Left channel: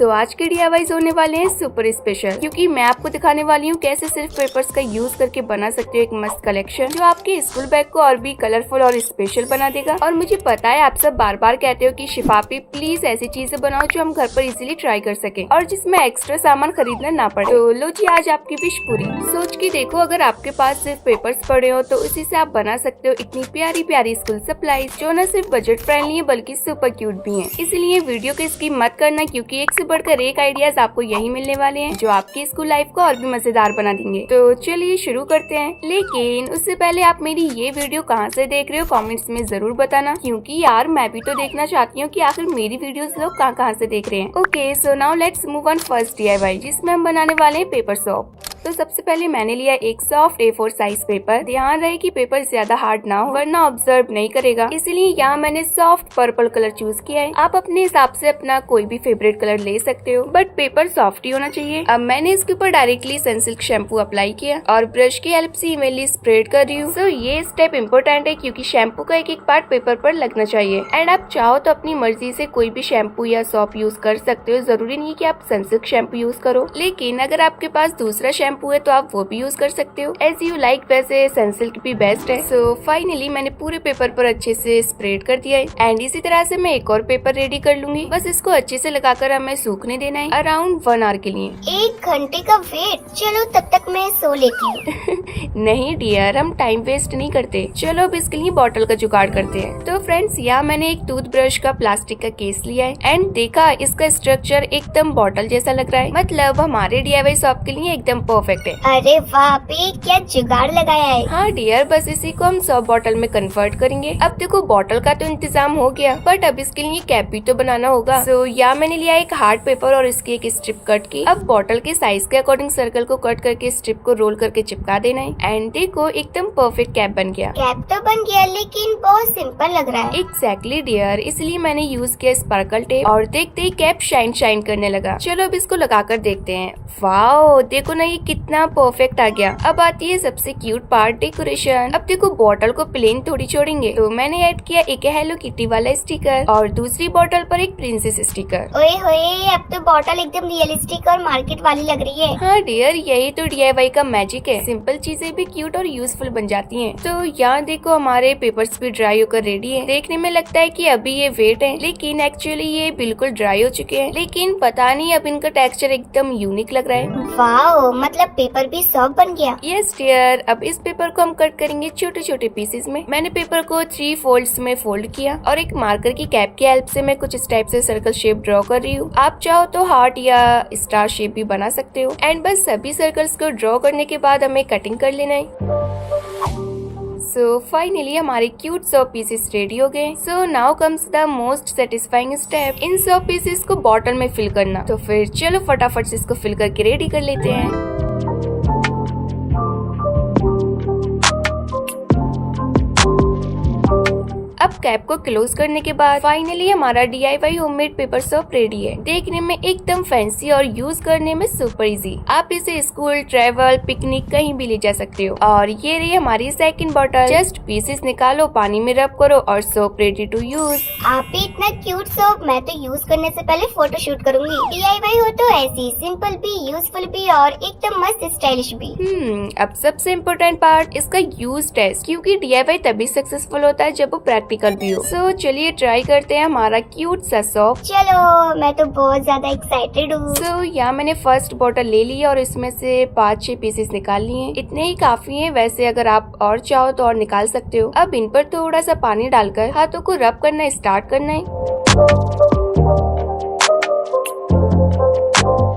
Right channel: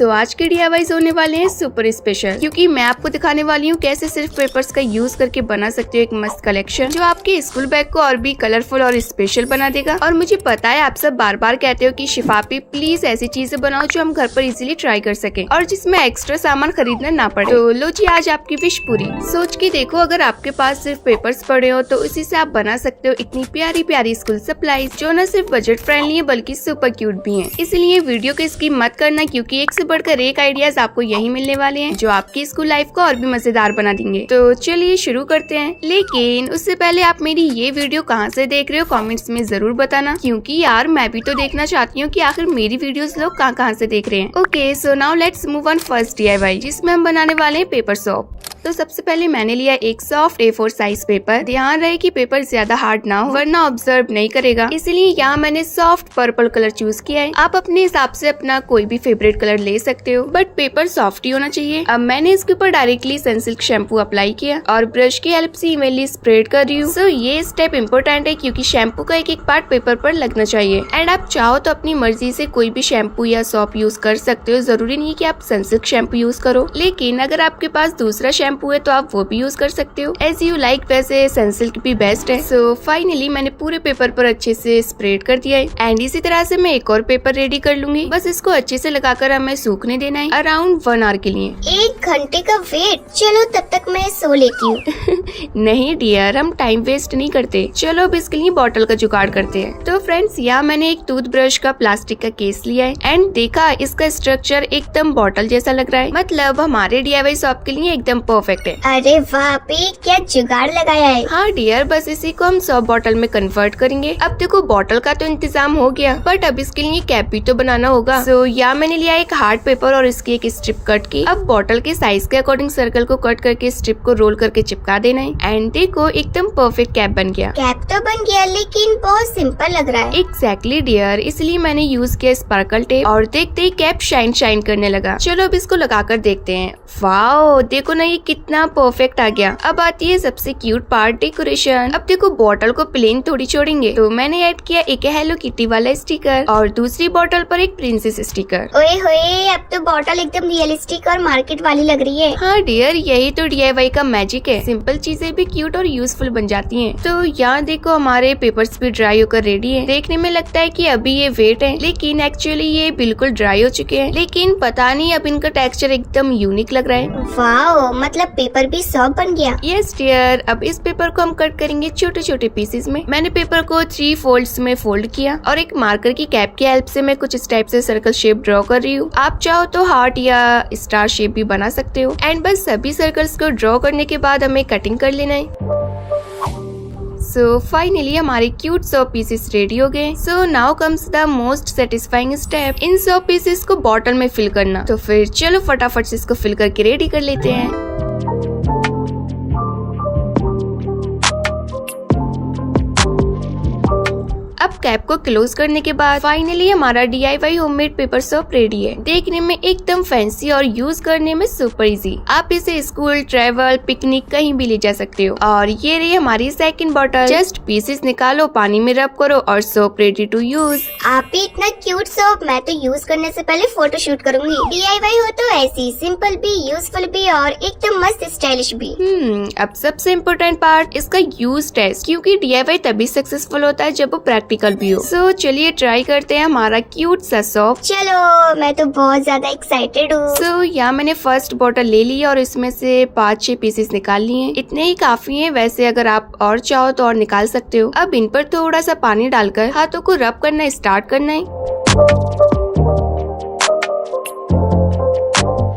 सो आज के DIYs होने वाले हैं सुपर स्पेशल, क्योंकि मैं आपको दिखाने वाली हूँ कैसे सिर्फ पेपर्स का यूज करके बना सकते हो एक मस्त कलेक्शन जो आपके स्कूल बैग को और भी कलरफुल और स्पेशल बना देगा। और मुझे पता है आप सब बार बार कहते हो कि शिफापी प्लीज ऐसी चीजें बनाओ जो हम घर पर इजीली ट्राई कर सके और जिसमें एक्स्ट्रा सामान खरीदना ना पड़े। तो लो जी, आज आपकी विश पूरी। सोच के देखो, अगर आपके पास सिर्फ पेपर्स पड़े हो तो उसी से आप बना सकते हो इतनी प्यारी प्यारी स्कूल सप्लाईज जो न सिर्फ बजट फ्रेंडली है बल्कि सुपर क्यूट भी है। इसलिए वीडियो को स्किप मत करना, क्योंकि एक से बढ़कर एक आइडियाज आपको यही मिलने वाले हैं जो आपकी स्कूल लाइफ को और भी मजेदार बना देंगे। तो चलिए शुरू करते हैं, लेकिन उससे पहले आप मेरी ये वीडियो कहाँ से देख रहे हो कमेंट्स में जरूर बताना, क्योंकि यार मैं भी तो देखना चाहती हूँ कि आखिर मेरी वीडियोस लोग कहाँ से देख रहे हैं। Okay, so now let's move on first DIY, जिसमें हम बनाने वाले हैं पेपर सोप। तो सबसे पहले मैंने लिया एक सॉफ्ट A4 साइज पेपर। ध्यान रहे कि पेपर ज्यादा हार्ड ना हो वरना ऑब्जर्व नहीं करेगा, इसलिए यहाँ मैंने सॉफ्ट पर्पल कलर चूज किया है। आप अपने हिसाब से अपना कोई भी फेवरेट कलर ले सकते हो, बट पेपर सॉफ्ट ही होना चाहिए। अब मैंने इसके ऊपर डायरेक्टली सनसिल्क शैम्पू अप्लाई किया और ब्रश की हेल्प से इवनली स्प्रेड कर रही हूँ। सो ये स्टेप इम्पोर्टेंट है क्योंकि शैम्पू का एक एक पार्ट पेपर पर लगना चाहिए। एंड आप चाहो तो अपनी मर्जी से कोई भी शैम्पू या सोप यूज कर सकते हो, जरूरी नहीं कि आप सनसिल्क शैम्पू यूज करो। लेकिन अगर आपके पास दूसरा शैम्पू है तो आप वो भी यूज कर सकते हो, एज यू लाइक। वैसे सनसिल्क भी बेस्ट है। सो फाइनली मैंने पूरे पेपर पर अच्छे से स्प्रेड कर दिया है। एंड इसी तरह से मैं एक और पेपर रेडी कर लूंगी। बस इसको अच्छे से लगाकर हमें सूखने देना है अराउंड 1 आवर के लिए। 1 घंटे का वेट? चलो तब तक मैं सो लेती हूँ। नहीं डियर, हम टाइम वेस्ट नहीं करते। चलो अब इसके लिए बॉटल का जुगाड़ करते हैं। तो फ्रेंड्स, यहाँ मैंने एक टूथब्रश का प्लास्टिक का केस लिया है एंड देखा इसका स्ट्रक्चर एकदम बॉटल जैसा लग रहा है, मतलब हमारे DIY शॉप के लिए एकदम परफेक्ट है। अरे वाह पे, क्या जुगाड़ लगाया है। हाँ डियर, बस इसी को हम सॉप बॉटल में कन्वर्ट करेंगे। अब देखो बॉटल का तो इंतजाम हो गया, बट अब इसके लिए कैप भी तो बनाना होगा। सो यहाँ मैंने लिया एक हार्ड पेपर और इसकी एक स्ट्रिप कट की। अब बॉटल के साइज के अकॉर्डिंग सर्कल को कट करके स्ट्रिप को रोल करके चिपका देना है। एंड देखो एकदम परफेक्ट कैप बन गया। कैप तो बन गया, लेकिन बहुत सिंपल लग रहा है। एग्जैक्टली डियर, इसलिए मैंने यूज किया स्पार्कल टेप और देखते ही कैप शाइन शाइन करने लगा। चलो अब इसको लगाकर देखते हैं। वाओ, देखो ना ये कितना परफेक्ट आ गया। अब आती है सबसे क्यूट पार्ट, डेकोरेशन। अब देखो बॉटल को प्लेन थोड़ी छोड़ेंगे, तो मैंने ऐड किया एक हेलो किटी वाला स्टिकर और दूसरी बॉटल पर एक प्रिंसेस स्टिकर। ओए होए, अब तो बॉटल एकदम रियलिस्टिक और मार्केट वाली लग रही है। हाँ डियर, यही तो DIY का मैजिक है। सिंपल चीजें भी क्यूट और यूजफुल बन जाती हैं। तो यहाँ देखो हमारे पेपर्स भी ड्राई होकर रेडी है। देखने में लगता है कि अभी ये वेट है, लेकिन एक्चुअली ये बिल्कुल ड्राई हो चुके हैं। लेकिन पता नहीं, अब इनका टेक्सचर एकदम यूनिक लग रहा है। वाओ, मतलब पेपर भी सॉफ्ट बन गया। यस डियर, अब इस पेपर को हम कट करेंगे छोटे छोटे पीसेस में। मैंने पेपर को 3 फोल्ड्स में फोल्ड किया और एक मार्कर की कैप की हेल्प से मैं कुछ इस टाइप से सर्कल शेप ड्रॉ कर रही हूँ। आप चाहो तो हार्ट या स्टार शेप भी बना सकते हो। एंड बस सभी सर्कल्स को ड्रॉ करने के बाद हमें कटिंग कर लेना है। सो फाइनली हमारे क्यूट सोप पीसेस रेडी हो गए। So now comes the most satisfying step, in soap pieces को बॉटल में फिल करना। तो फिर चलो फटाफट से इसको फिल करके रेडी कर लेते हैं। अब कैप को क्लोज करने के बाद फाइनली हमारा DIY homemade paper soap ready है। देखने में एकदम फैंसी और यूज करने में सुपर इजी। आप इसे स्कूल, ट्रेवल, पिकनिक कहीं भी ले जा सकते हो। और ये रही हमारी सेकंड बॉटल। जस्ट पीसेस निकालो, पानी में रब करो और सोप रेडी टू यूज। आप भी इतना क्यूट सोप, मैं तो यूज करने से पहले फोटो शूट करूंगी। DIY हो तो ऐसी सिंपल भी, यूजफुल भी और एकदम मस्त स्टाइलिश भी। अब सबसे इम्पोर्टेंट पार्ट इसका यूज टेस्ट, क्योंकि DIY तभी सक्सेसफुल होता है जब वो प्रैक्टिकल भी हो। सो चलिए ट्राई करते हैं हमारा क्यूट सा सोप। चलो, मैं तो बहुत ज्यादा एक्साइटेड हूँ। सो यहाँ मैंने फर्स्ट बॉटल ले ली और इसमें से 5-6 पीसेस निकाल लिए। इतने ही काफी हैं, वैसे अगर आप और चाहो तो और निकाल सकते हो। अब इन पर थोड़ा सा पानी डालकर हाथों को रब करना स्टार्ट करना है।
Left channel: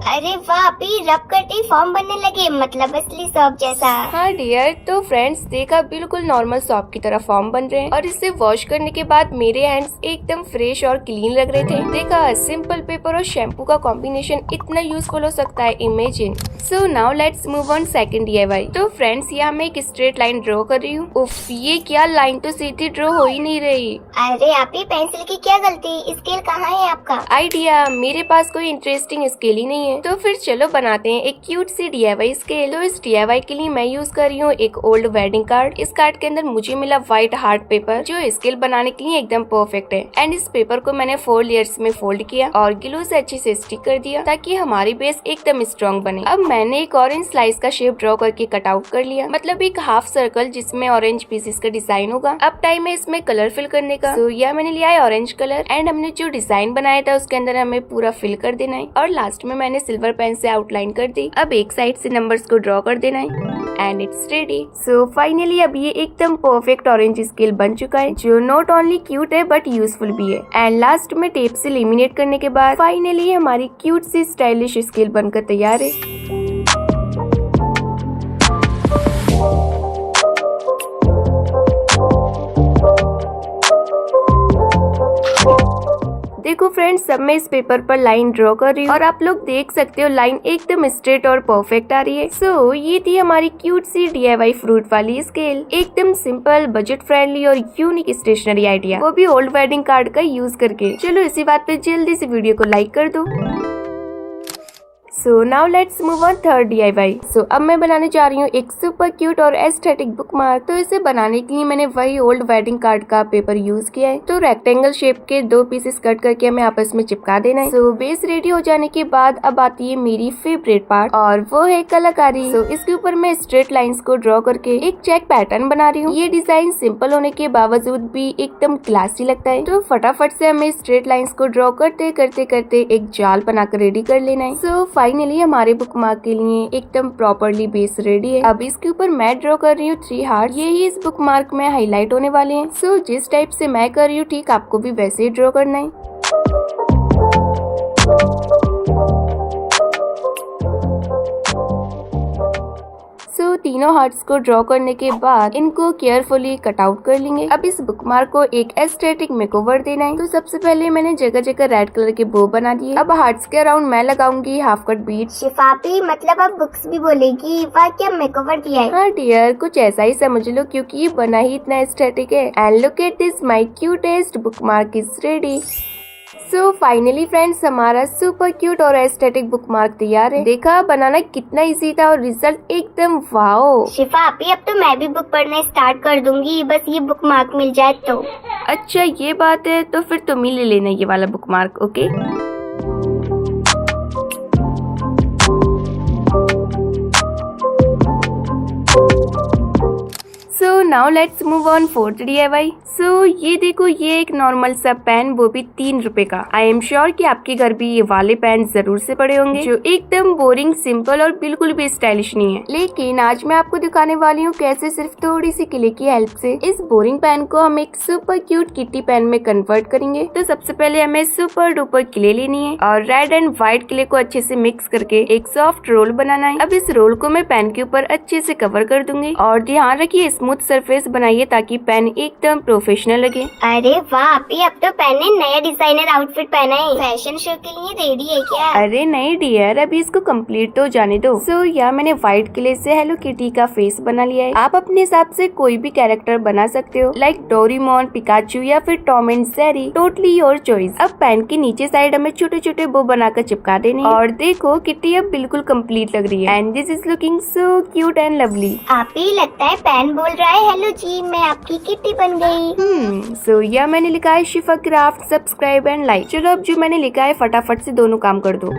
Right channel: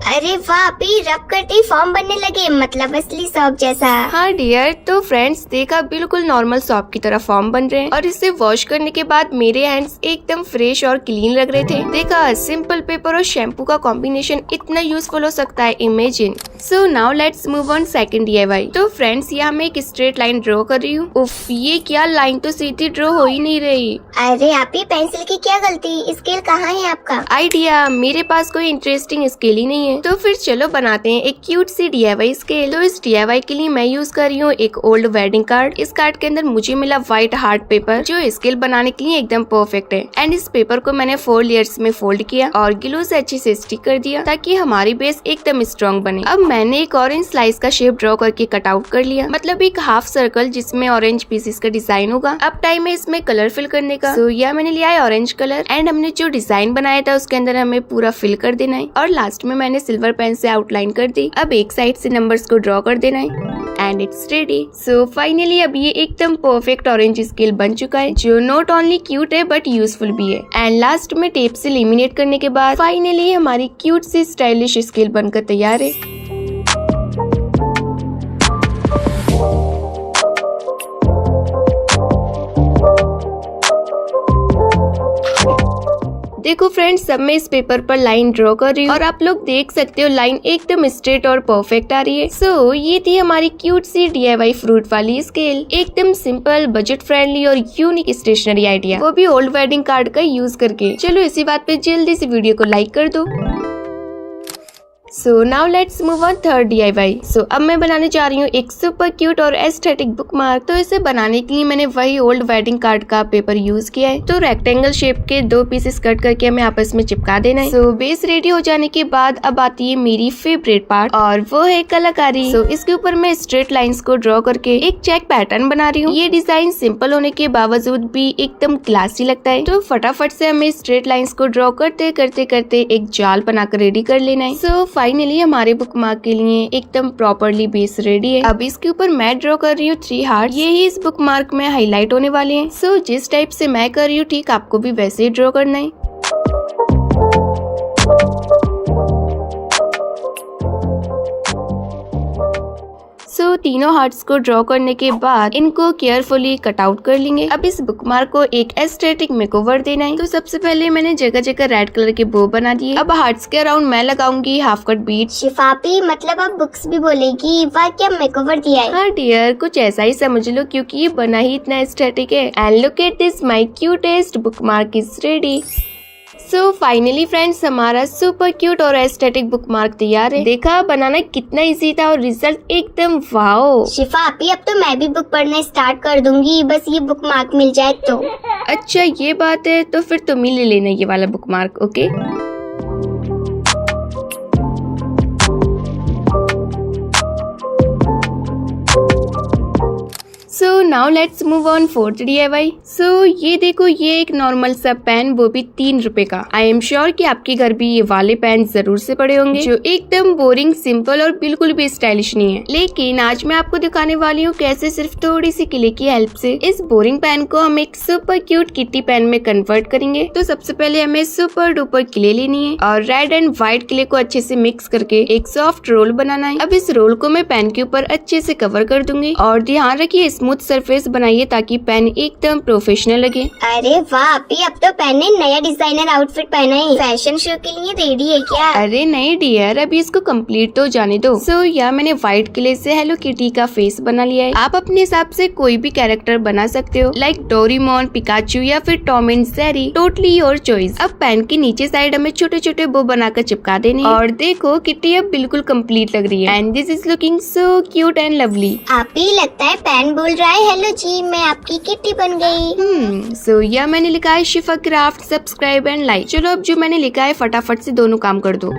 अरे वाह भी, रब करते ही फॉर्म बनने लगे, मतलब असली सॉप जैसा। हाँ डियर, तो फ्रेंड्स देखा बिल्कुल नॉर्मल सॉप की तरह फॉर्म बन रहे हैं। और इसे वॉश करने के बाद मेरे हैंड्स एकदम फ्रेश और क्लीन लग रहे थे। देखा सिंपल पेपर और शैम्पू का कॉम्बिनेशन इतना यूजफुल हो सकता है, imagine. So now let's move on second DIY। तो फ्रेंड्स यहाँ मैं एक स्ट्रेट लाइन ड्रॉ कर रही हूँ। उफ, ये क्या, लाइन तो सीधी ड्रॉ हो ही नहीं रही। अरे आप ही, पेंसिल की क्या गलती, स्केल कहाँ है आपका? आइडिया, मेरे पास कोई इंटरेस्टिंग स्केल ही नहीं है। तो फिर चलो बनाते हैं एक क्यूट सी DIY स्केल। तो इस DIY के लिए मैं यूज कर रही हूँ एक ओल्ड वेडिंग कार्ड। इस कार्ड के अंदर मुझे मिला व्हाइट हार्ड पेपर जो स्केल बनाने के लिए एकदम परफेक्ट है। एंड इस पेपर को मैंने 4 लेयर्स में फोल्ड किया और ग्लू से अच्छे से स्टिक कर दिया ताकि हमारी बेस एकदम स्ट्रॉन्ग बने। अब मैंने एक ऑरेंज स्लाइस का शेप ड्रॉ करके कट आउट कर लिया, मतलब एक हाफ सर्कल जिसमें ऑरेंज पीसेस का डिजाइन होगा। अब टाइम है इसमें कलर फिल करने का। तो यह मैंने लिया है ऑरेंज कलर एंड हमने जो डिजाइन बनाया था उसके अंदर हमें पूरा फिल कर देना है और लास्ट में मैंने सिल्वर पेन से आउटलाइन कर दी। अब एक साइड से नंबर्स को ड्रॉ कर देना है and it's ready. So finally अब ये एकदम परफेक्ट ऑरेंज स्केल बन चुका है जो नॉट ओनली क्यूट है बट यूजफुल भी है। एंड लास्ट में टेप से लेमिनेट करने के बाद फाइनली हमारी क्यूट सी स्टाइलिश स्केल बनकर तैयार है। देखो फ्रेंड्स, सब मैं इस पेपर पर लाइन ड्रॉ कर रही हूँ और आप लोग देख सकते हो लाइन एकदम स्ट्रेट और परफेक्ट आ रही है। सो ये थी हमारी क्यूट सी DIY फ्रूट वाली स्केल। एकदम सिंपल, बजट फ्रेंडली और यूनिक स्टेशनरी आइडिया, वो भी ओल्ड वेडिंग कार्ड का यूज करके। चलो इसी बात पे जल्दी से वीडियो को लाइक कर दो। So now let's move on third DIY। सो अब मैं बनाने जा रही हूँ एक सुपर क्यूट और एस्थेटिक बुकमार्क। तो इसे बनाने के लिए मैंने वही ओल्ड वेडिंग कार्ड का पेपर यूज किया है। तो रेक्टेंगल शेप के 2 पीसेस कट करके हमें आपस में चिपका देना है। सो बेस रेडी हो जाने के बाद अब आती है मेरी फेवरेट पार्ट और वो है कलाकारी। सो इसके ऊपर मैं स्ट्रेट लाइंस को ड्रॉ करके एक चेक पैटर्न बना रही हूँ। ये डिजाइन सिंपल होने के बावजूद भी एकदम क्लासी लगता है। तो फटाफट से हमें स्ट्रेट लाइंस को ड्रॉ करते करते करते एक जाल बनाकर रेडी कर लेना है। सो फाइनली हमारे बुकमार्क के लिए एकदम प्रॉपरली बेस रेडी है। अब इसके ऊपर मैं ड्रॉ कर रही हूँ 3 हार्ट। ये ही इस बुकमार्क में हाईलाइट होने वाले हैं। सो जिस टाइप से मैं कर रही हूँ ठीक आपको भी वैसे ही ड्रॉ करना है। सो तीनों हार्ट्स को ड्रॉ करने के बाद इनको केयरफुली कट आउट कर लेंगे। अब इस बुकमार्क को एक एस्थेटिक मेकओवर देना है। तो सबसे पहले मैंने जगह जगह रेड कलर के बो बना दिए। अब हार्ट्स के अराउंड मैं लगाऊंगी हाफ कट बीट्स। शिफापी, मतलब अब बुक्स भी बोलेगी, वाह क्या मेकओवर दिया है। हाँ डियर, कुछ ऐसा ही समझ लो क्योंकि ये बना ही इतना एस्थेटिक है। And look at this, my cutest bookmark is ready. So finally friends, हमारा सुपर क्यूट और एस्थेटिक बुकमार्क तैयार है। देखा बनाना कितना इजी था और रिजल्ट एकदम वाओ। शिफापी, अब तो मैं भी बुक पढ़ना स्टार्ट कर दूंगी, बस ये बुकमार्क मिल जाए तो। अच्छा ये बात है, तो फिर तुम ही ले लेना ये वाला bookmark, okay? So now let's move on fourth DIY। सो ये देखो, ये एक नॉर्मल सा पेन, वो भी 3 रुपए का। आई एम श्योर कि आपके घर भी ये वाले पेन जरूर से पड़े होंगे जो एकदम बोरिंग, सिंपल और बिल्कुल भी स्टाइलिश नहीं है। लेकिन आज मैं आपको दिखाने वाली हूँ कैसे सिर्फ थोड़ी सी क्ले की हेल्प से इस बोरिंग पेन को हम एक सुपर क्यूट किटी पेन में कन्वर्ट करेंगे। तो सबसे पहले हमें सुपर डुपर क्ले लेनी है और रेड एंड व्हाइट क्ले को अच्छे से मिक्स करके एक सॉफ्ट रोल बनाना है। अब इस रोल को मैं पेन के ऊपर अच्छे से कवर कर दूंगी और ध्यान रखिए स्मूथ सरफेस बनाइए ताकि पेन एकदम प्रोफेशनल लगे। अरे वाह अपी, अब तो पेन ने नया डिजाइनर आउटफिट पहना है। फैशन शो के लिए रेडी है क्या? अरे नहीं डियर, अभी इसको कंप्लीट तो जाने दो। सो यहाँ मैंने व्हाइट क्ले से हेलो किटी का फेस बना लिया है। आप अपने हिसाब से कोई भी कैरेक्टर बना सकते हो, लाइक डोरेमोन, पिकाचू या फिर Tom and Jerry, totally your choice. अब पेन की नीचे साइड हमें छोटे छोटे बो बनाकर चिपका देने और देखो किटी अब बिल्कुल कंप्लीट लग रही है and this is looking so cute and lovely. आपी लगता है पेन बोल रहा है हेलो जी, मैं आपकी किटी बन गई। सो यह मैंने लिखा है शिफा क्राफ्ट, सब्सक्राइब एंड लाइक। चलो अब जो मैंने लिखा है फटाफट से दोनों काम कर दो।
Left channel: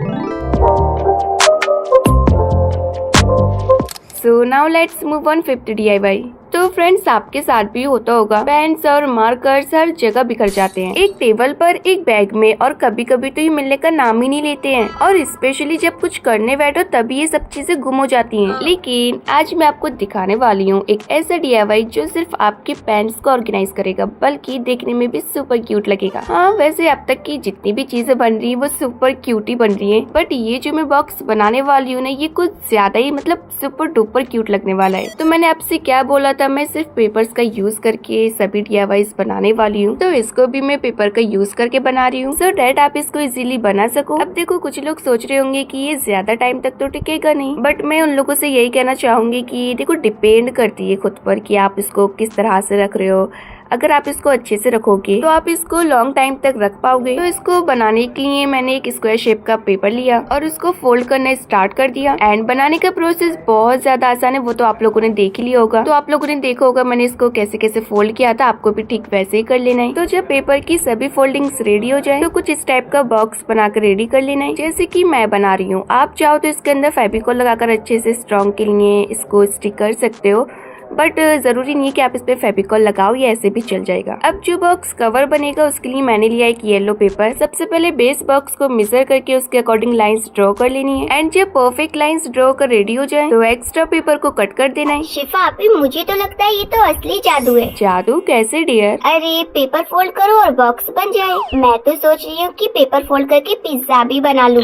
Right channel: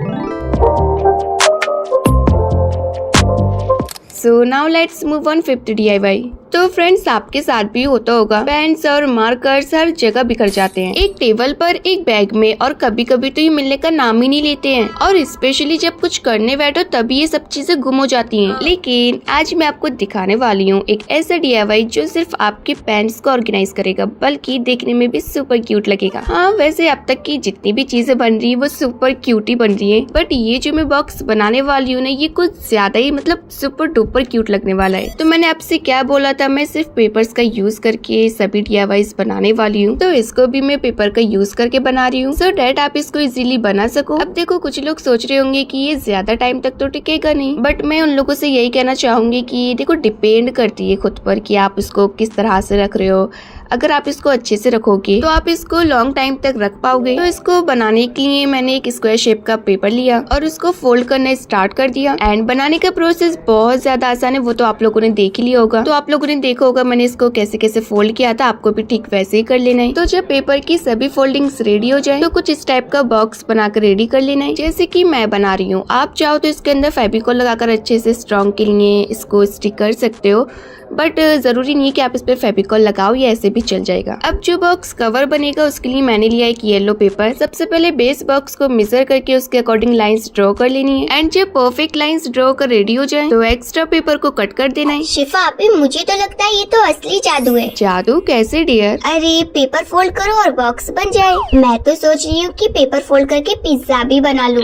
So now let's move on fifth DIY। तो फ्रेंड्स आपके साथ भी होता होगा, पेन्स और मार्कर्स हर जगह बिखर जाते हैं, एक टेबल पर, एक बैग में, और कभी कभी तो ये मिलने का नाम ही नहीं लेते हैं। और स्पेशली जब कुछ करने बैठो तभी ये सब चीजें गुम हो जाती हैं। लेकिन आज मैं आपको दिखाने वाली हूँ एक ऐसा DIY जो सिर्फ आपके पेन्स को ऑर्गेनाइज करेगा, बल्कि देखने में भी सुपर क्यूट लगेगा। हाँ वैसे अब तक की जितनी भी चीजें बन रही है वो सुपर क्यूट ही बन रही है, बट ये जो मैं बॉक्स बनाने वाली हूँ ना, ये कुछ ज्यादा ही मतलब सुपर डुपर क्यूट लगने वाला है। तो मैंने आपसे क्या बोला था पता मैं सिर्फ पेपर्स का यूज करके सभी DIYs बनाने वाली हूँ, तो इसको भी मैं पेपर का यूज करके बना रही हूँ सो डैट आप इसको इजीली बना सको। अब देखो कुछ लोग सोच रहे होंगे कि ये ज्यादा टाइम तक तो टिकेगा नहीं, बट मैं उन लोगों से यही कहना चाहूंगी कि देखो डिपेंड करती है खुद पर कि आप इसको किस तरह से रख रहे हो। अगर आप इसको अच्छे से रखोगे तो आप इसको लॉन्ग टाइम तक रख पाओगे। तो इसको बनाने के लिए मैंने एक स्क्वायर शेप का पेपर लिया और उसको फोल्ड करना स्टार्ट कर दिया। एंड बनाने का प्रोसेस बहुत ज्यादा आसान है, वो तो आप लोगों ने देख ही लिया होगा। तो आप लोगों ने देखा होगा मैंने इसको कैसे कैसे फोल्ड किया था, आपको भी ठीक वैसे ही कर लेना है। तो जब पेपर की सभी फोल्डिंग्स रेडी हो जाए तो कुछ इस टाइप का बॉक्स बनाकर रेडी कर लेना है, जैसे कि मैं बना रही हूँ। आप चाहो तो इसके अंदर फेविकॉल लगाकर अच्छे से स्ट्रॉन्ग के लिए इसको स्टिक कर सकते हो, बट जरूरी नहीं है कि आप इस पे फेविकॉल लगाओ, ये ऐसे भी चल जाएगा। अब जो बॉक्स कवर बनेगा उसके लिए मैंने लिया एक येलो पेपर। सबसे पहले बेस बॉक्स को मेजर करके उसके अकॉर्डिंग लाइंस ड्रॉ कर लेनी है। एंड जब परफेक्ट लाइंस ड्रॉ कर रेडी हो जाए तो एक्स्ट्रा पेपर को कट कर देना है। शिफा अभी मुझे तो लगता है ये तो असली जादू है। जादू कैसे डियर? अरे पेपर फोल्ड करो और बॉक्स बन जाए। मैं तो सोच रही हूँ कि पेपर फोल्ड करके पिज्जा भी बना लूँ।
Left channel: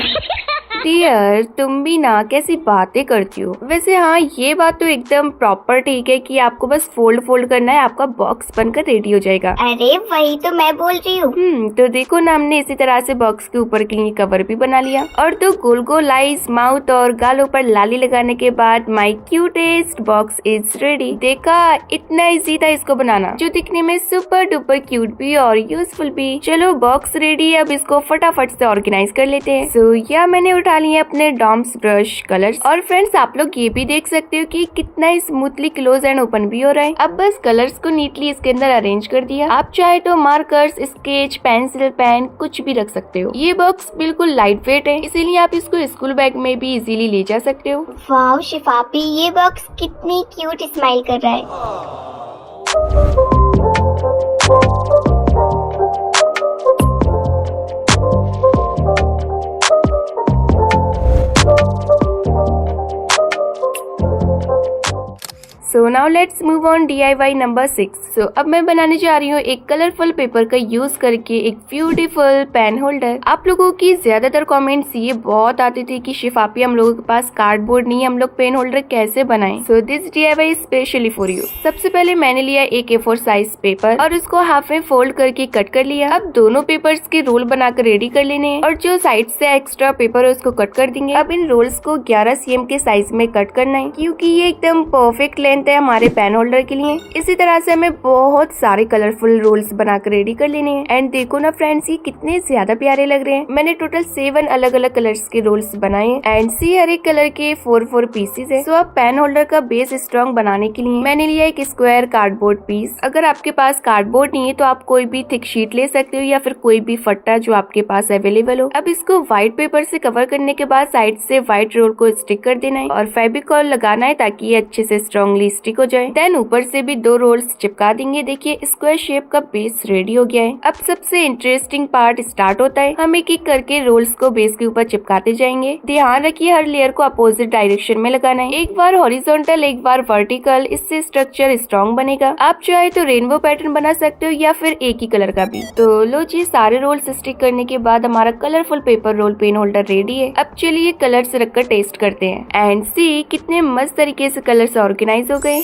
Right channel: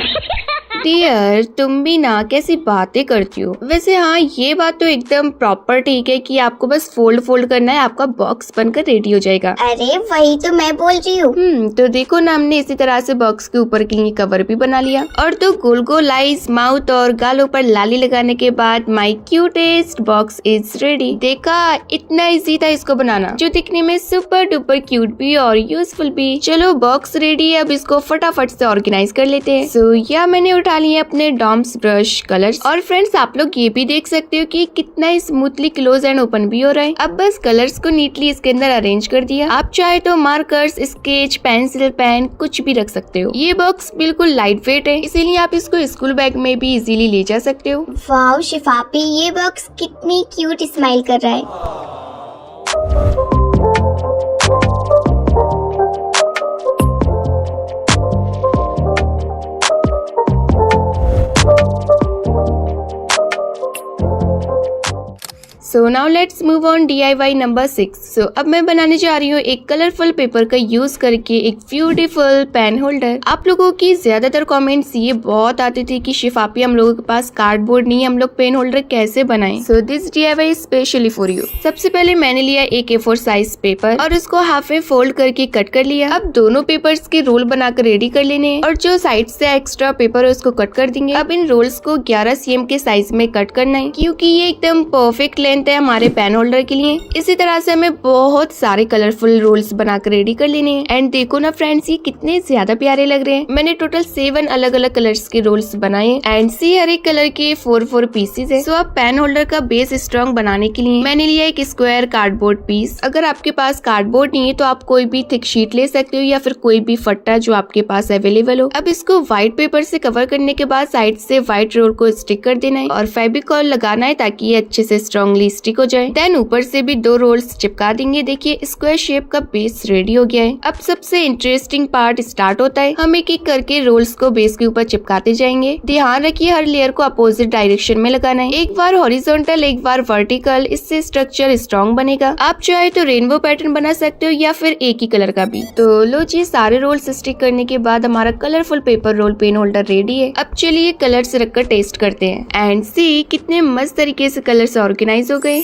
डियर तुम भी ना कैसी बातें करती हो। वैसे हाँ, ये बात तो एकदम प्रॉपर ठीक है कि आपको बस फोल्ड करना है, आपका बॉक्स बनकर रेडी हो जाएगा। अरे वही तो मैं बोल रही हूँ। तो देखो ना, हमने इसी तरह से बॉक्स के ऊपर के लिए कवर भी बना लिया। और तो गोल गोल आईज, माउथ और गालों पर लाली लगाने के बाद माई क्यूटेस्ट बॉक्स इज रेडी। देखा, इतना इजी था इसको बनाना, जो दिखने में सुपर डुपर क्यूट भी और यूजफुल भी। चलो बॉक्स रेडी है, अब इसको फटाफट से ऑर्गेनाइज कर लेते हैं। सो या मैंने उठा लिए अपने डॉम्स ब्रश कलर्स। और फ्रेंड्स आप लोग ये भी देख सकते हो कि कितना स्मूथली क्लोज एंड ओपन भी हो रहा है। अब बस कलर्स को नीटली इसके अंदर अरेंज कर दिया। आप चाहे तो मार्कर्स, स्केच, पेंसिल, पेन कुछ भी रख सकते हो। ये बॉक्स बिल्कुल लाइट वेट है, इसीलिए आप इसको स्कूल बैग में भी इजीली ले जा सकते हो। वाओ शिफापी, ये बॉक्स कितनी क्यूट स्माइल कर रहा है। So now let's move on DIY number 6। सो अब मैं बनाने जा रही हूँ एक कलरफुल पेपर का यूज करके एक ब्यूटीफुल पेन होल्डर। आप लोगों की ज्यादातर कमेंट्स ये बहुत आते थे कि शिफापी हम लोगों के पास कार्डबोर्ड नहीं है, हम लोग पेन होल्डर कैसे बनाएं। So this DIY specially for you. सबसे पहले मैंने लिया एक A4 साइज पेपर और उसको हाफ में फोल्ड करके कट कर लिया। अब दोनों पेपर्स के रोल बनाकर रेडी कर लेने हैं और जो साइड से एक्स्ट्रा पेपर है उसको कट कर देंगे। अब इन रोल्स को 11 cm के साइज में कट करना है, क्योंकि ये एकदम परफेक्ट लेंथ है हमारे पेन होल्डर के लिए। इसी तरह से हमें बहुत सारे कलरफुल रोल्स बनाकर रेडी कर लेने हैं। एंड देखो ना फ्रेंड्स, ये कितने ज्यादा प्यारे लग रहे हैं। मैंने टोटल 7 अलग अलग कलर्स के रोल्स बनाए एंड सी हर एक कलर के 4 पीसेस है। सो अब पेन होल्डर का बेस स्ट्रॉन्ग बनाने के लिए मैंने लिया एक स्क्वायर कार्डबोर्ड पीस। अगर आपके पास कार्डबोर्ड नहीं है तो आप कोई भी थिक शीट ले सकते हो या फिर कोई भी फट्टा जो आपके पास अवेलेबल हो। अब इसको व्हाइट पेपर से कवर करने के बाद साइड से व्हाइट रोल को स्टिक कर देना है और फेविकॉल लगाना है ताकि ये अच्छे से स्ट्रॉन्गली स्टिक हो जाए। देन ऊपर से भी 2 रोल्स चिपका देंगे। देखिए स्क्वायर शेप का बेस रेडी हो गया है। अब सबसे इंटरेस्टिंग पार्ट स्टार्ट होता है। हम एक एक करके रोल्स को बेस के ऊपर चिपकाते जाएंगे। ध्यान रखिए हर लेयर को अपोजिट डायरेक्शन में लगाना है, एक बार हॉरिजॉन्टल एक बार वर्टिकल, इससे स्ट्रक्चर स्ट्रॉन्ग बनेगा। आप चाहे तो रेनबो पैटर्न बना सकते हो या फिर एक ही कलर का भी। तो लो जी, सारे रोल्स स्टिक करने के बाद हमारा colourful paper roll pen holder ready है। अब चलिए कलर्स रखकर टेस्ट करते हैं एंड सी कितने मस्त तरीके से कलर्स ऑर्गेनाइज हो गए।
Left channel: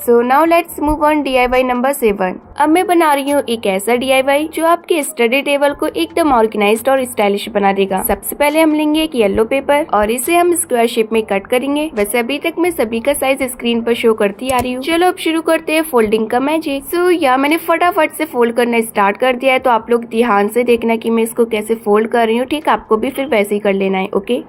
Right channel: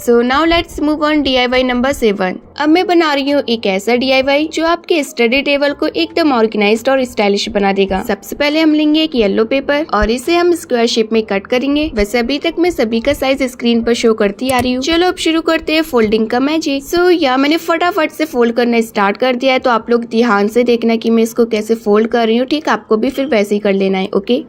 So now let's move on DIY number 7। अब मैं बना रही हूँ एक ऐसा DIY जो आपके स्टडी टेबल को एकदम ऑर्गेनाइज्ड और स्टाइलिश बना देगा। सबसे पहले हम लेंगे एक येलो पेपर और इसे हम स्क्वायर शेप में कट करेंगे। वैसे अभी तक मैं सभी का साइज स्क्रीन पर शो करती आ रही हूँ। चलो अब शुरू करते हैं फोल्डिंग का मैजिक। सो यहाँ मैंने फटाफट से फोल्ड करना स्टार्ट कर दिया है, तो आप लोग ध्यान से देखना कि मैं इसको कैसे फोल्ड कर रही हूँ। ठीक, आपको भी फिर वैसे ही कर लेना है। ओके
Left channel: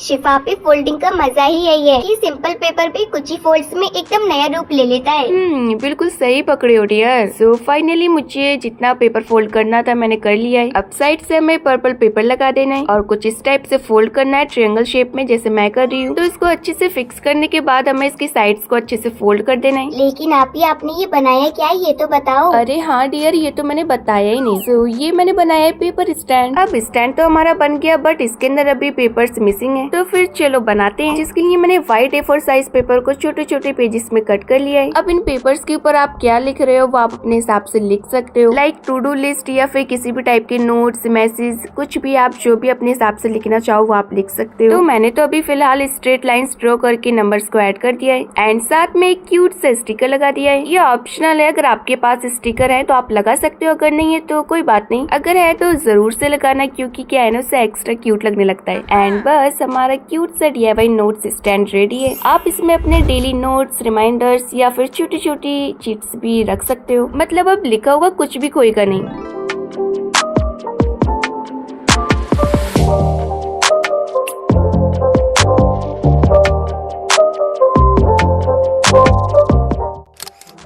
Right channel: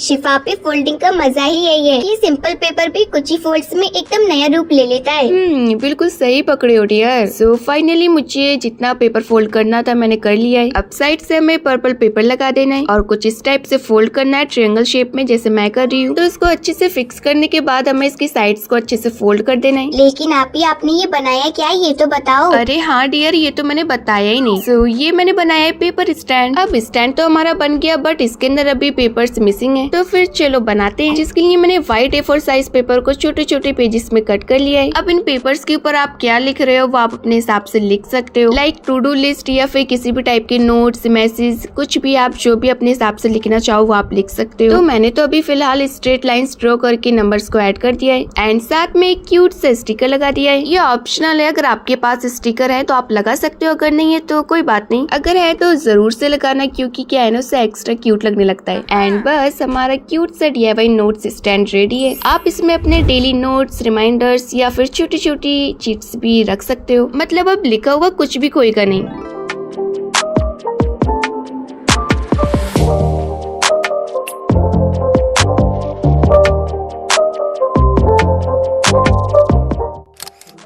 शिफापी, फोल्डिंग का मजा ही यही है कि सिंपल पेपर भी कुछ ही फोल्ड्स में एकदम नया रूप ले लेता है। बिल्कुल सही पकड़े हो डियर। पेपर। सो फाइनली मुझे जितना पेपर फोल्ड करना था मैंने कर लिया है। अब साइड से हमें पर्पल पेपर लगा देना है और कुछ इस टाइप से फोल्ड करना है ट्रायंगल शेप में, जैसे मैं कर रही हूँ। तो इसको अच्छे से फिक्स करने के बाद हमें इसकी साइड्स को अच्छे से फोल्ड कर देना है। लेकिन आपने ये बनाया क्या है, ये तो बताओ। अरे हाँ डियर, ये तो मैंने बताया ही नहीं। सो ये मैंने बनाया है पेपर स्टैंड। अब स्टैंड तो हमारा बन गया, बट इसके अंदर अभी पेपर्स मिसिंग है। तो फिर चलो बनाते हैं, जिसके लिए मैंने व्हाइट A4 साइज पेपर को छोटे छोटे पेजेस में कट कर लिया है। अब इन पेपर्स के ऊपर आप क्या लिख रहे हो वो आप अपने हिसाब से लिख सकते हो, लाइक टू डू लिस्ट या फिर किसी भी टाइप के नोट्स, मैसेज, कुछ भी आप जो भी अपने हिसाब से लिखना चाहो वो आप लिख सकते हो। तो मैंने तो अभी फिलहाल स्ट्रेट लाइंस ड्रॉ करके नंबर्स को ऐड कर दिया है एंड साथ में एक क्यूट सा स्टिकर लगा दिया है। ये ऑप्शनल है, अगर आपके पास स्टिकर है तो आप लगा सकते हो, अगर नहीं है तो कोई बात नहीं, अगर है तो जरूर से लगाना, क्योंकि क्या है ना उससे एक्स्ट्रा क्यूट लगने लगता है। एंड बस हमारा क्यूट सा DIY नोट्स स्टैंड रेडी है। आप इसमें अपने डेली नोट्स, रिमाइंडर्स या फिर छोटी छोटी चीट्स भी रख सकते हो, मतलब अब लिखा हुआ कुछ भी खोएगा नहीं।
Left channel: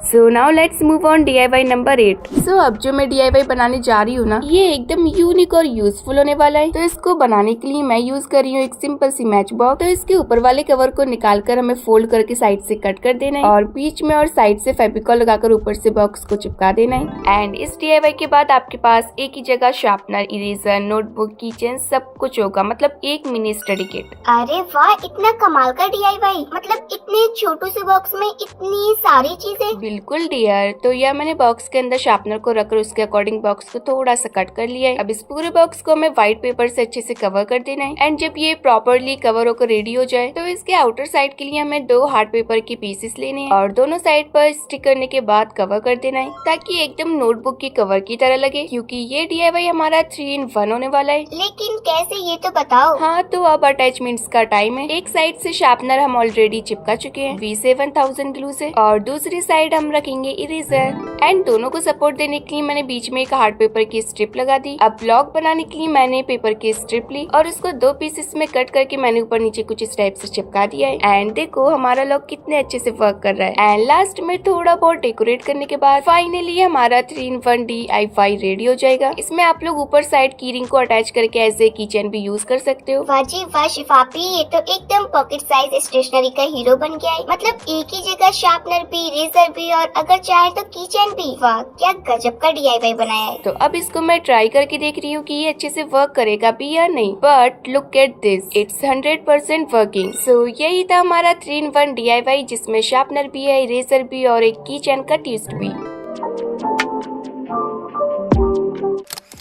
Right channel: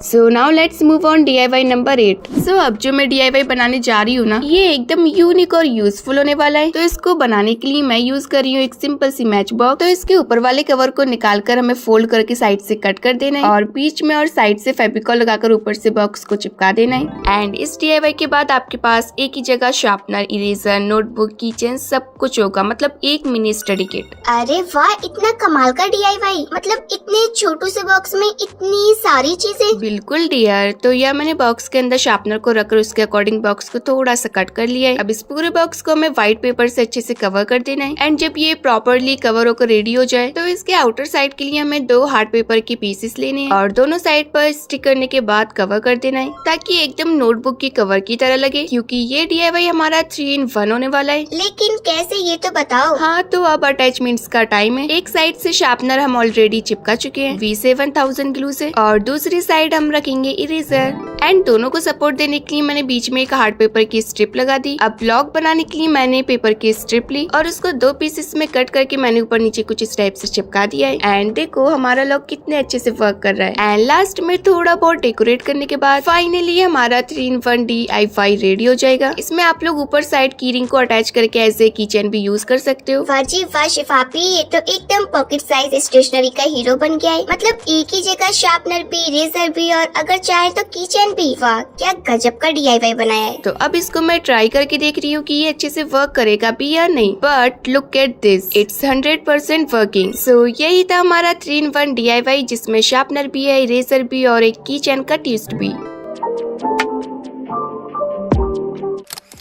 So now let's move on DIY number 8। सो अब जो मैं DIY बनाने जा रही हूँ ना, ये एकदम यूनिक और यूजफुल होने वाला है। तो इसको बनाने के लिए मैं यूज कर रही हूँ एक सिंपल सी मैच बॉक्स। तो इसके ऊपर वाले कवर को निकाल कर हमें फोल्ड करके साइड से कट कर देना है और बीच में और साइड से फेविकॉल लगाकर ऊपर से बॉक्स को चिपका देना है। एंड इस DIY के बाद आपके पास एक ही जगह शार्पनर, इरेजर, नोटबुक, कीचेन सब कुछ होगा, मतलब एक मिनी स्टडी किट। अरे वाह, इतना कमाल का DIY, मतलब इतने छोटू से बॉक्स में इतनी सारी चीजें। बिल्कुल डियर। तो यह मैंने बॉक्स के अंदर शार्पनर को रखकर उसके अकॉर्डिंग बॉक्स को थोड़ा सा कट कर लिया है। अब इस पूरे बॉक्स को हमें व्हाइट पेपर से अच्छे से कवर कर देना है एंड जब ये प्रॉपरली कवर होकर रेडी हो जाए तो इसके आउटर साइड के लिए हमें 2 हार्ड पेपर के पीसेस लेने हैं और दोनों साइड पर स्टिक करने के बाद कवर कर देना है, ताकि एकदम नोटबुक की कवर की तरह लगे, क्योंकि ये DIY हमारा 3 in 1 होने वाला है। लेकिन कैसे, ये तो बताओ। हाँ, तो अब अटैचमेंट्स का टाइम है। एक साइड से शार्पनर हम ऑलरेडी चिपका चुके हैं V7000 ग्लू से और दूसरी साइड हम रखेंगे इरेजर। एंड दोनों को सपोर्ट देने के लिए मैंने बीच में एक हार्ड पेपर की स्ट्रिप लगा दी। अब ब्लॉक बनाने के लिए मैंने पेपर की स्ट्रिप ली और उसको 2 पीसेस में कट करके मैंने ऊपर नीचे कुछ इस टाइप से चिपका दिया है। एंड देखो हमारा लॉक कितने अच्छे से वर्क कर रहा है। एंड लास्ट में थोड़ा बहुत डेकोरेट करने के बाद फाइनली हमारा 3 in 1 DIY रेडी हो जाएगा। इसमें आप लोग ऊपर साइड की रिंग को अटैच करके एज ए कीचेन भी यूज कर सकते हो। वाह जी वाह शिफापी, ये तो एकदम पॉकेट साइज स्टेशनरी का हीरो बन गया है। मतलब एक ही जगह शार्पनर भी, इरेजर भी और अगर चाहे तो कीचेन भी। वाह, क्या गजब का DIY बनाया है। तो अब इसको मैं ट्राई करके देख रही हूँ कि ये अच्छे से वर्क करेगा भी या नहीं, but look at this, it's 100% working. So यही था हमारा 3 in 1 DIY, जिसमें शार्पनर भी है, इरेजर भी और एक कीचेन का ट्विस्ट भी।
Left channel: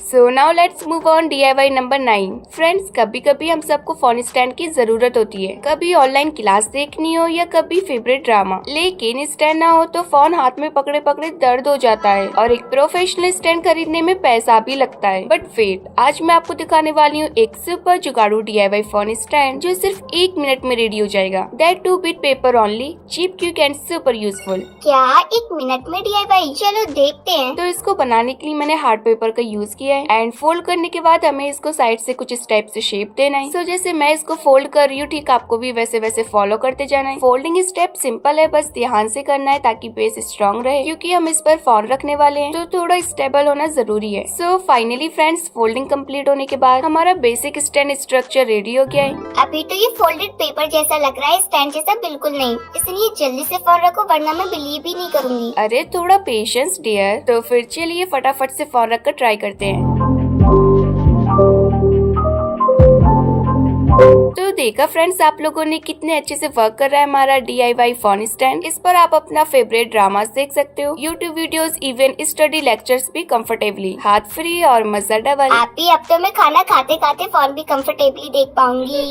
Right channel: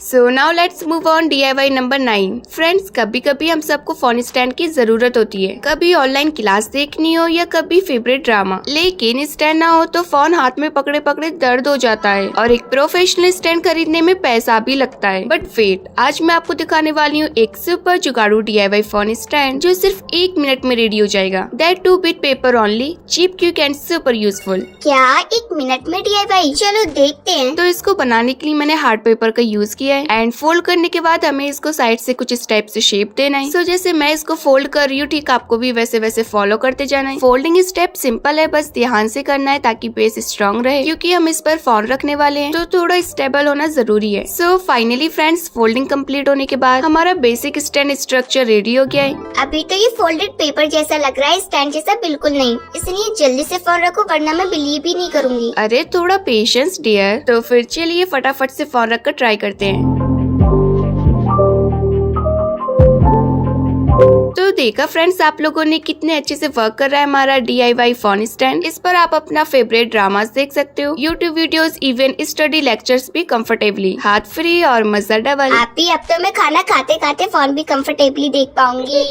So now let's move on DIY number 9। Friends, कभी कभी हम सबको फोन स्टैंड की जरूरत होती है, कभी ऑनलाइन क्लास देखनी हो या कभी फेवरेट ड्रामा, लेकिन स्टैंड ना हो तो फोन हाथ में पकड़े पकड़े दर्द हो जाता है और एक प्रोफेशनल स्टैंड खरीदने में पैसा भी लगता है। बट वेट, आज मैं आपको दिखाने वाली हूँ एक सुपर जुगाड़ू DIY फोन स्टैंड जो सिर्फ 1 मिनट में रेडी हो जाएगा। That too with paper only, cheap, quick and super useful. क्या 1 मिनट में DIY? चलो देखते हैं। तो इसको बनाने के लिए मैंने हार्ड पेपर का यूज किया है एंड फोल्ड करने के बाद हमें इसको साइड से कुछ इस टाइप से शेप देना है। सो जैसे मैं इसको फोल्ड कर रही हूँ, ठीक आपको भी वैसे वैसे फॉलो करते जाना है। फोल्डिंग स्टेप सिंपल है, बस ध्यान से करना है ताकि बेस स्ट्रॉन्ग रहे, क्योंकि हम इस पर फोन रखने वाले हैं तो थोड़ा स्टेबल होना जरूरी है। So finally friends, folding complete होने के बाद हमारा बेसिक स्टैंड स्ट्रक्चर रेडी हो गया है। अभी तो ये फोल्डेड पेपर जैसा लग रहा है, स्टैंड जैसा बिल्कुल नहीं, इसलिए जल्दी से फोन रखो वरना मैं बिलीव ही नहीं करूंगी। अरे थोड़ा पेशेंस डियर। तो फिर चलिए फटाफट से फोन रख कर ट्राई करते हैं। तो देखा फ्रेंड्स, आप लोगों ने कितने अच्छे से वर्क कर रहा है हमारा DIY फोन स्टैंड। इस पर आप अपना फेवरेट ड्रामास देख सकते हो, YouTube videos, even study lectures भी कंफर्टेबली, हाथ फ्री और मजा डबल। आप भी, अब तो मैं खाना खाते खाते फोन भी कंफर्टेबली देख पाऊंगी।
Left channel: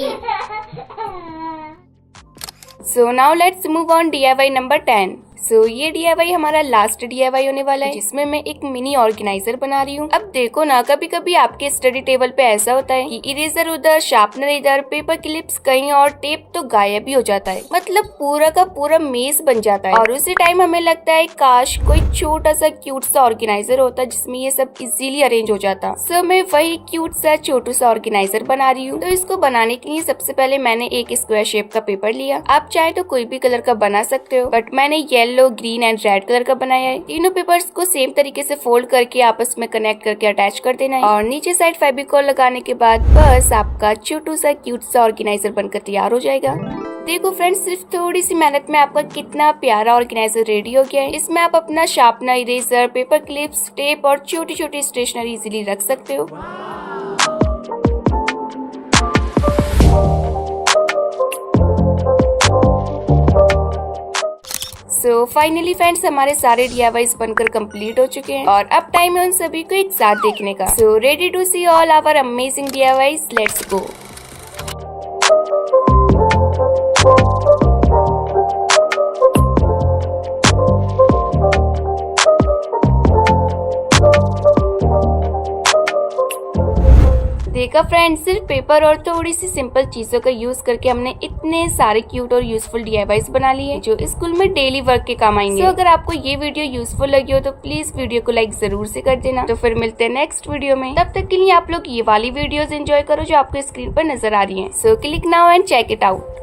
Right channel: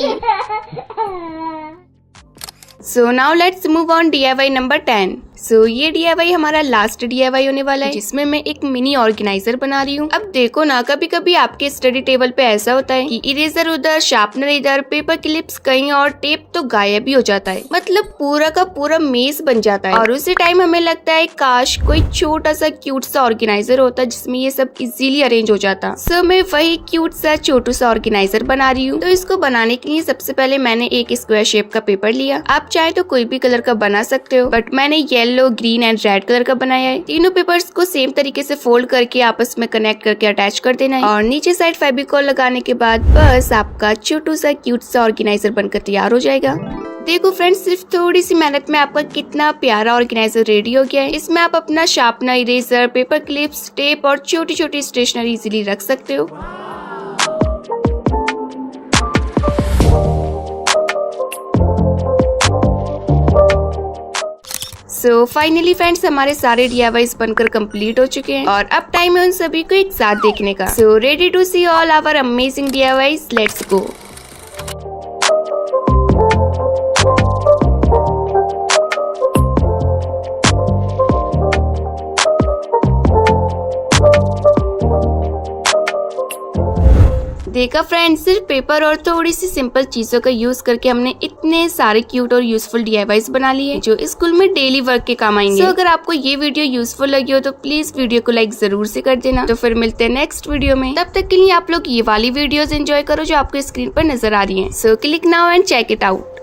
So now let's move on DIY number 10। सो ये DIY हमारा लास्ट DIY होने वाला है, जिसमें मैं एक मिनी ऑर्गेनाइजर बना रही हूँ। अब देखो ना, कभी कभी आपके स्टडी टेबल पे ऐसा होता है कि इरेजर उधर, शार्पनर इधर, पेपर क्लिप्स कहीं और टेप तो गायब ही हो जाता है, मतलब पूरा का पूरा मेज बन जाता है। और उसी टाइम हमें लगता है काश कोई छोटा सा क्यूट सा ऑर्गेनाइजर होता जिसमें ये सब इजीली अरेंज हो जाता। सो मैं वही क्यूट सा छोटू सा ऑर्गेनाइजर बना रही हूँ। तो इसको बनाने के लिए सबसे पहले मैंने एक स्क्वायर शेप का पेपर लिया। आप चाहे तो कोई भी कलर का बना सकते हो, बट मैंने yellow yellow, green and red colour का बनाया है। तीनों पेपर्स को सेम तरीके से फोल्ड करके आपस में कनेक्ट करके अटैच कर देना है और नीचे साइड फेविकॉल लगाने के बाद बस आपका छोटू सा क्यूट सा ऑर्गेनाइजर बनकर तैयार हो जाएगा। देखो फ्रेंड्स, सिर्फ थोड़ी सी मेहनत में आपका कितना प्यारा ऑर्गेनाइजर रेडी हो गया है। इसमें आप अपना sharpener, eraser, paper clips, tape और छोटी छोटी स्टेशनरी इजीली रख सकते हो। सो फाइनली फ्रेंड्स, हमारे सारे DIYs बनकर कंप्लीट हो चुके हैं और अब टाइम है उन सभी को एक साथ देखने का। So ready to see all our amazing DIYs, let's go. देखा फ्रेंड्स, सिर्फ पेपर और थोड़ी सी सिंपल चीजों का यूज करके हमने इतने सारे क्यूट और यूजफुल DIYs बना लिए जो स्कूल में डेली वर्क के काम आएंगे। अगर आपको ये वीडियो यूजफुल लगी हो तो प्लीज वीडियो को लाइक जरूर से कर देना। तो फिर मिलते हैं नेक्स्ट वीडियो में। तब तक के लिए आप लोग ये वाली वीडियोस एंजॉय करो जो आपको स्क्रीन पर नजर आ रही है। So click now and check it out.